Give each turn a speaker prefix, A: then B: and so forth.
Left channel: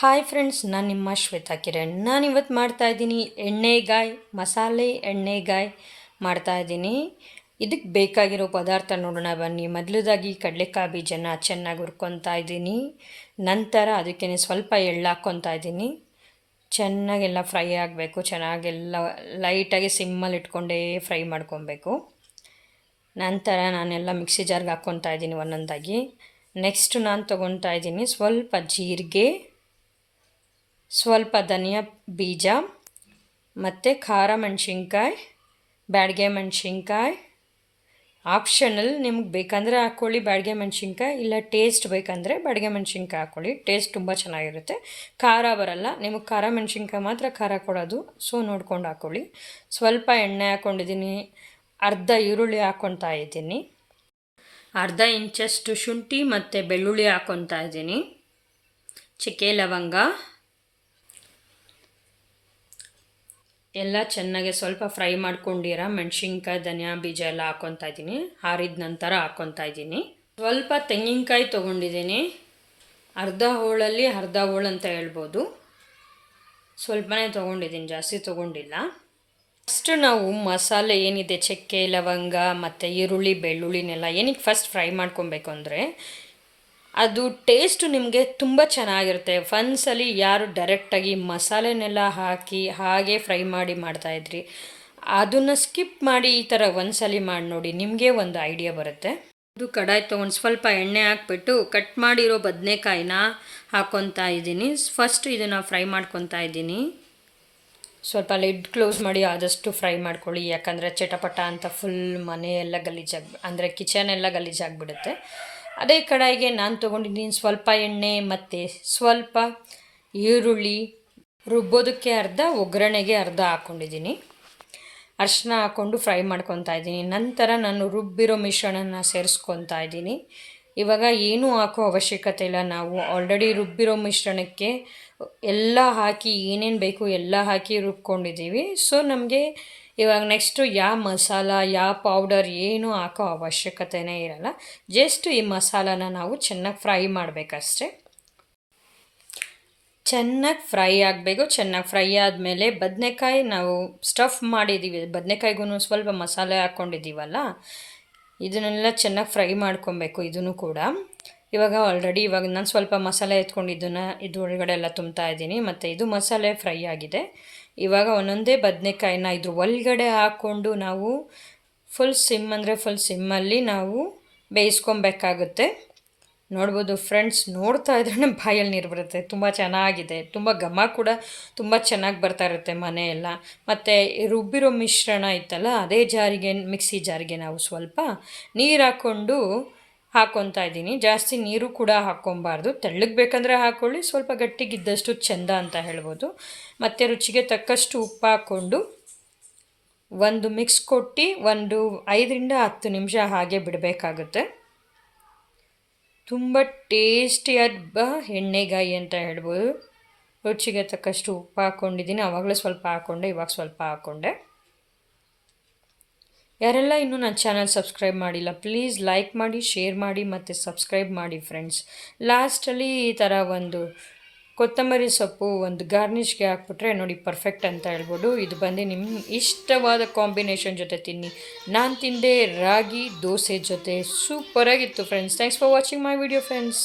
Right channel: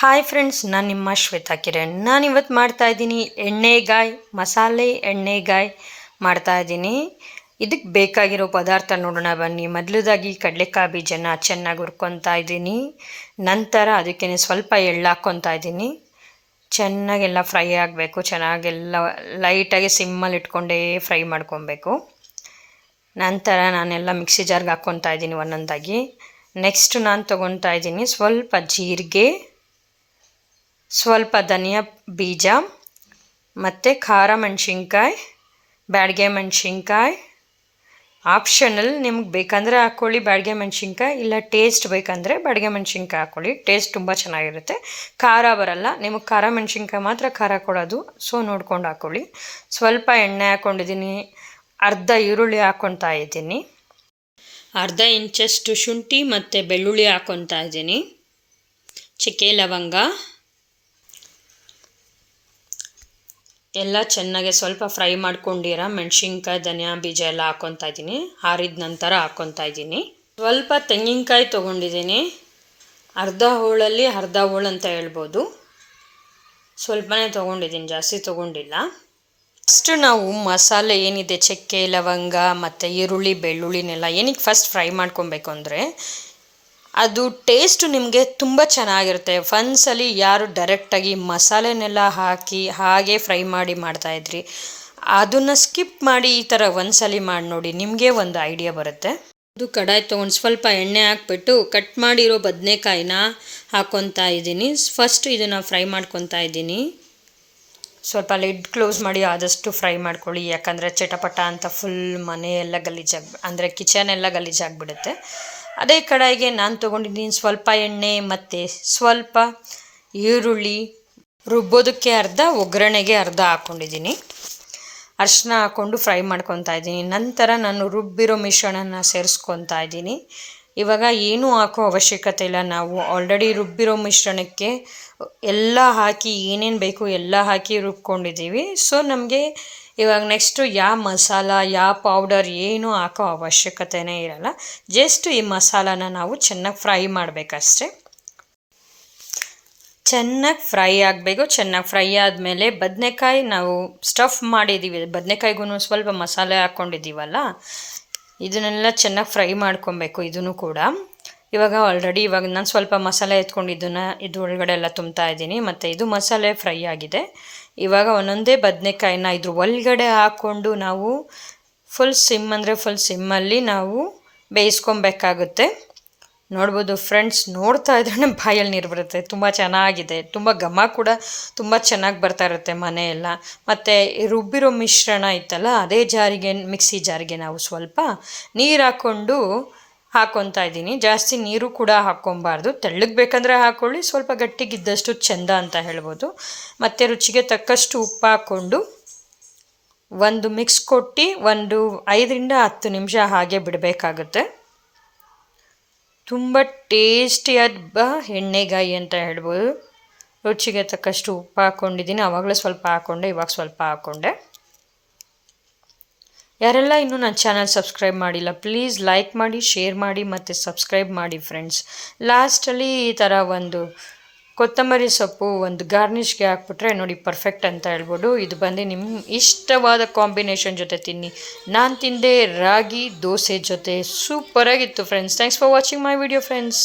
A: Hi friends ನಾನು ನಿಮ್ಮ ಶ್ವೇತಾ ಕಿರಣ್. ನಾನು ಇವತ್ತು ಮಾಡ್ತಾ ಇದ್ದೀನಿ ಎಣ್ಣೆಗಾಯಿ, ಮಸಾಲೆ ಎಣ್ಣೆಗಾಯಿ ಮಾಡ್ತಾ ಇದ್ದೀನಿ. ಇದಕ್ಕೆ ಬೇಕಾಗಿರೋ ಪದಾರ್ಥ ನೋಡೋಣ ಬನ್ನಿ. ಮೊದಲದಾಗಿ ಕಡಲೆಕಾಯಿ ಬೀಜನ ಚೆನ್ನಾಗಿ ಹುರ್ಕೊತಾ ಇದ್ದೀನಿ. ನಂತರ ಅದಕ್ಕೆ ಸ್ವಲ್ಪ ಎಳ್ಳು ಹಾಕ್ಕೊತಾ ಇದ್ದೀನಿ. ಚೆನ್ನಾಗೆಲ್ಲ ಫ್ರೈ ಆಗಬೇಕು. ಚೆನ್ನಾಗೆಲ್ಲ ಲೈಟಾಗಿ ಸಿಮ್ಮಲ್ಲಿ ಇಟ್ಕೊಂಡೇ ಫ್ರೈ ಮಾಡ್ಕೊಬೇಕು. ನಂತರ ನಾನೆಲ್ಲ ಮಿಕ್ಸಿ ಜಾರ್ಗೆ ಹಾಕ್ಕೊತಾ ಇದ್ದೀನಿ ಒಂದೊಂದಾಗಿ. ನೆಕ್ಸ್ಟ್ ನಾನು ತೊಗೊತಾ ಇದ್ದೀನಿ ಸ್ವಲ್ಪ ಜೀರಿಗೆ. ಸ್ವಲ್ಪ ಧನಿಯಾ ಬೀಜ, ಮತ್ತು ಖಾರ ಮೆಣಸಿನ್ಕಾಯಿ, ಬ್ಯಾಡಗೆ ಮೆಣಸಿನ್ಕಾಯಿ. ಆಪ್ಷನಲ್ ನಿಮ್ಗೆ ಬೇಕಂದರೆ ಹಾಕ್ಕೊಳ್ಳಿ ಬ್ಯಾಡಗೆ ಮೆಣಸಿನ್ಕಾಯಿ, ಇಲ್ಲ ಟೇಸ್ಟ್ ಬೇಕಂದರೆ ಬ್ಯಾಡಿಗೆ ಮೆಣಸಿನ್ಕಾಯಿ ಹಾಕ್ಕೊಳ್ಳಿ ಟೇಸ್ಟ್ ತುಂಬ ಚೆನ್ನಾಗಿರುತ್ತೆ. ಖಾರ ಬರಲ್ಲ. ನಿಮಗೆ ಖಾರ ಮೆಣಸಿನ್ಕಾಯಿ ಮಾತ್ರ ಖಾರ ಕೊಡೋದು. ಸೊ ನೋಡ್ಕೊಂಡು ಹಾಕ್ಕೊಳ್ಳಿ ಸ್ವಲ್ಪ ಎಣ್ಣೆ ಹಾಕ್ಕೊಂಡಿದ್ದೀನಿ ಅರ್ಧ ಈರುಳ್ಳಿ ಹಾಕ್ಕೊತಾ ಇದ್ದೀನಿ. ಅರ್ಧ ಇಂಚಷ್ಟು ಶುಂಠಿ ಮತ್ತು ಬೆಳ್ಳುಳ್ಳಿ ಹಾಕ್ಕೊತಾ ಇದ್ದೀನಿ. ಚಕ್ಕೆ ಲವಂಗ. ಎಲ್ಲ ಚೆನ್ನಾಗಿ ಸ್ವಲ್ಪ ಫ್ರೈ ಮಾಡ್ಕೊಂಡಿರ, ಮೆಣಸಿನ್ಕಾಯಿ, ಧನಿಯಾ ಬೀಜ ಎಲ್ಲ ಹಾಕ್ಕೊತಾ ಇದ್ದೀನಿ. ಹಾರಿದ ನಂತರ ಹಾಕ್ಕೊತಾ ಇದ್ದೀನಿ. ಸ್ವಲ್ಪ ತೆಂಗಿನಕಾಯಿ ತೊಗೊಂಡಿದ್ದೀನಿ. ಅರ್ಧ ಹೋಳಲ್ಲಿ ಅರ್ಧ ಹೋಳು ಅಂತ ಹೇಳ್ಬೋದು. ಸ್ವಲ್ಪನೇ ತೊಗೊಂಡಿದ್ದೀನಿ, ಜಾಸ್ತಿ ತೊಗೊಂಡಿಲ್ಲ. ಫಸ್ಟ್ ನಾವು ಮಸಾಲೆ ಏನಿದೆ, ಚಕ್ಕೆ, ಲವಂಗ ಮತ್ತು ಈರುಳ್ಳಿ, ಬೆಳ್ಳುಳ್ಳಿನೆಲ್ಲ ಏನಕ್ಕೆ ಫಸ್ಟ್ ಫ್ರೈ ಮಾಡ್ಕೊಬೇಕು ಅಂದರೆ ಅದು ಟೇಸ್ಟು ನಿಮಗೆ ತುಂಬ ಚೆನ್ನಾಗಿರುತ್ತೆ. ಒಂದ್ಸಲಿ ಯಾರು ಡೈರೆಕ್ಟಾಗಿ ಮಸಾಲೆನೆಲ್ಲ ಹಾಕಿ ಹಾಗೆ ಫ್ರೈ ಮಾಡಿ ಮಾಡ್ತಾಯಿದ್ರಿ ಅದನ್ನು ಸ್ಕಿಪ್ ಮಾಡಿ ಈ ಥರ ಒಂದ್ಸಲಿ ಮಾಡಿ ನೋಡಿ, ನಿಮಗೆ ಒಂದು ಐಡಿಯಾ ಬರುತ್ತೆ. ಅದು ಕಡಾಯಿ ತೊಗೊಂಡು ಸ್ವಲ್ಪ ಎಣ್ಣೆ ಹಾಕ್ಬಿಟ್ಟು ಕಟ್ ಮಾಡಿರೋ ಬದನೆಕಾಯಿನ ಹಾಕ್ಕೊತಾ ಇದ್ದೀನಿ. ಫಸ್ಟ್ ಇದನ್ನು ಫ್ರೈ ಮಾಡ್ಕೊತಾ ಇದ್ದೀನಿ. ಸ್ವಲ್ಪ ಲಿಡ್ ಕ್ಲೋಸ್ ಮಾಡಿ ಆದಷ್ಟು ಫ್ರೈ ಮಾಡ್ಕೊಳ್ಳಿ. ಯಾಕಂದರೆ ಚಟಪಟ ಅಂತ ಫುಲ್ ಮನೆಯೆಲ್ಲ ಗಲೀಜಾಗಿ, ಅಂದರೆ ಕಿಚನ್ ಎಲ್ಲ ಗಲೀಜಾಗಿಬಿಡುತ್ತೆ. ಅದೇ ಕಡಾಯಿಗೆ ನಾನು ತೊಗೊಂಡಿದ್ದೀನಿ ಸ್ವಲ್ಪ ಎಣ್ಣೆ ಮತ್ತು ಸ್ವಲ್ಪ ಈರುಳ್ಳಿ ರುಬ್ಬೋದಕ್ಕೆ ಅರ್ಧ, ಒಗ್ಗರಣೆಗೆ ಅರ್ಧ ಹಾಕ್ಕೊಂಡಿದ್ದೀನಿ ಅರ್ಶಿನ ಹಾಕ್ಕೊಂಡು ಫ್ರೈ ಮಾಡ್ಕೊತಾ ಇದ್ದೀನಿ. ನಂತರ ನಾನು ರುಬ್ಬಿರೋ ಮಿಶ್ರಣನ ಸೇರಿಸ್ಕೊತಾ ಇದ್ದೀನಿ. ಇವಾಗ ಏನೂ ಹಾಕೋ ಅವಶ್ಯಕತೆ ಇಲ್ಲ. ನಾವು ಆಲ್ರೆಡಿ ರುಬ್ಬಿರೋ ಮಿಶ್ರಣಕ್ಕೆ ಎಲ್ಲ ಹಾಕಿ ಏನೇನು ಬೇಕು ಎಲ್ಲ ಹಾಕಿ ರುಬ್ಕೊಂಡಿದ್ದೀವಿ. ಸೊ ನಮಗೆ ಇವಾಗ ನೆಕ್ಸ್ಟು ಯಾವ ಮಸಾಲ ಯಾವ ಪೌಡರ್ ಏನೂ ಹಾಕೋ ಅವಶ್ಯಕತೆನೇ ಇರಲ್ಲ. ಜಸ್ಟ್ ಈ ಮಸಾಲಾನ ನಾವು ಚೆನ್ನಾಗಿ ಫ್ರೈ ಮಾಡಬೇಕಷ್ಟೇ. ಚೆನ್ನಾಗಿ ಫ್ರೈ ಆಗಬೇಕು. ಚೆನ್ನಾಗಿ ಫ್ರೈ ಆದಮೇಲೆ ಬದನೆಕಾಯಿ ನಾವು ಸ್ಟಫ್ ಮಾಡಿದ್ದೀವಿ ಬದನೆಕಾಯಿಗೂ ಸ್ವಲ್ಪ ಮಸಾಲೆ ಹಾಕ್ಕೊಂಡಿದ್ದೀವಲ್ಲ ಇದನ್ನೆಲ್ಲ ಚೆನ್ನಾಗಿ ಫ್ರೈ ಮಾಡ್ಕೊಬೇಕು ಇದನ್ನು ಕೂಡ. ಇವಾಗ ಆಲ್ರೆಡಿ ಇವಾಗ ನಾನು ಸ್ವಲ್ಪ ಮಸಾಲೆ ಎತ್ಕೊಂಡಿದ್ದನ್ನು ಇದು ಒಳಗಡೆ ಎಲ್ಲ ತುಂಬ್ತಾ ಇದ್ದೀನಿ. ಮತ್ತು ಇದು ಮಸಾಲೆ ಫ್ರೈ ಆಗಿದೆ. ಇವಾಗ ಒಂದೊಂದೇ ಬದನೆಕಾಯಿನ ಇದ್ರ ಒಳಗಡೆ ಹಾಕ್ಕೊಂಡು ನಾವು ಫುಲ್ ಸಿಮ್ ಅಂದರೆ ಫುಲ್ ಸಿಮ್ಮಲ್ಲಿ ನಾವು ಬೇಯಿಸ್ಕೊಬೇಕಾಗುತ್ತೆ. ನೋಡ್ಬೋದು ಫ್ರೆಂಡ್ಸ್ ನೋಡ್ತಾ ಇದ್ರೇ ಬಾಯಲ್ಲಿ ನೀರು ಬರುತ್ತೆ. ತುಂಬ ಚೆನ್ನಾಗಿದೆ. ತುಂಬ ಘಮ ಕೂಡ ತುಂಬ ಚೆನ್ನಾಗಿ ಬರ್ತಾ ಇರುತ್ತೆ ಮನೆಯೆಲ್ಲ. ಮತ್ತು ರುಬ್ಬಿರೋ ಮಿಶ್ರಣ ಇತ್ತಲ್ಲ, ಅದೇ ಜಾರಿಗೆ, ಮಿಕ್ಸಿ ಜಾರಿಗೆ ನಾವು ಸ್ವಲ್ಪ ನೀರು ಹಾಕ್ಕೊಂಡು ಹಾಕ್ಕೊತಾ ಇದ್ದೀನಿ. ಜಾಸ್ತಿ ನೀರು ಕೂಡ ಹಾಕ್ಕೊಬಾರ್ದು ತೆಳ್ಳಗೆ ಬೇಕಂದರೆ ಹಾಕ್ಕೊಳ್ಳಿ ಸ್ವಲ್ಪ ಗಟ್ಟಿಗಿದ್ದಷ್ಟು ಚೆಂದ ಅಂತ ಹೇಳ್ಬೋದು. ಮತ್ತು ರುಚಿಗೆ ತಕ್ಕಷ್ಟು ಉಪ್ಪು ಹಾಕ್ಕೊಂಡು ಒಂದು ಮಿಕ್ಸ್ ಕೊಟ್ಟು ಒಂದು ಐದರಿಂದ ಹತ್ತು ನಿಮಿಷ ಹಾಗೆ ಬಿಡಬೇಕಾಗುತ್ತೆ. ತುಂಬ ಟೇಸ್ಟಿಯಾದ ಎಣ್ಣೆಗಾಯಿ ಅಂತ ಹೇಳ್ಬೋದು. ರುಚಿಗೆ ತಕ್ಕಷ್ಟು ಉಪ್ಪು ಹಾಕ್ಕೊಂಡಿದ್ದೀನಿ ಆವಾಗಲೇ ಸ್ವಲ್ಪ ಹಾಕ್ಕೊಂಡೆ ಇವಾಗ ಸ್ವಲ್ಪ ಹಾಕ್ಕೊಂಡೆ ಯಾರೆಲ್ಲ ಇನ್ನೂ ನನ್ನ ಚಾನಲ್ ಸಬ್ಸ್ಕ್ರೈಬ್ ಮಾಡಿಲ್ಲ ಪ್ಲೀಸ್ ಲೈಕ್ ಮಾಡಿ ಶೇರ್ ಮಾಡಿ ಮತ್ತು ಸಬ್ಸ್ಕ್ರೈಬ್ ಮಾಡಿ ಫ್ರೆಂಡ್ಸ್ ಲಾಸ್ಟಲ್ಲಿ ಈ ಥರ ಒಂದು ಕೊತ್ತಂಬರಿ ಸೊಪ್ಪು ಒಂದು ಗಾರ್ನಿಷ್ಗೆ ಹಾಕ್ಬಿಟ್ರೆ ನೋಡಿ ಪರ್ಫೆಕ್ಟ್ ಅಂತ ಹೇಳ್ಬೋದು. ಇದು ಬಂದು ನಿಮ್ಮ ಇಷ್ಟವಾದ ಕಾಂಬಿನೇಷನ್ ಜೊತೆ ತಿನ್ನಿ. ನಾನು ತಿಂದೆ ರಾಗಿ ದೋಸೆ ಜೊತೆ. ಸೂಪರಾಗಿತ್ತು friends thanks for watching my video friends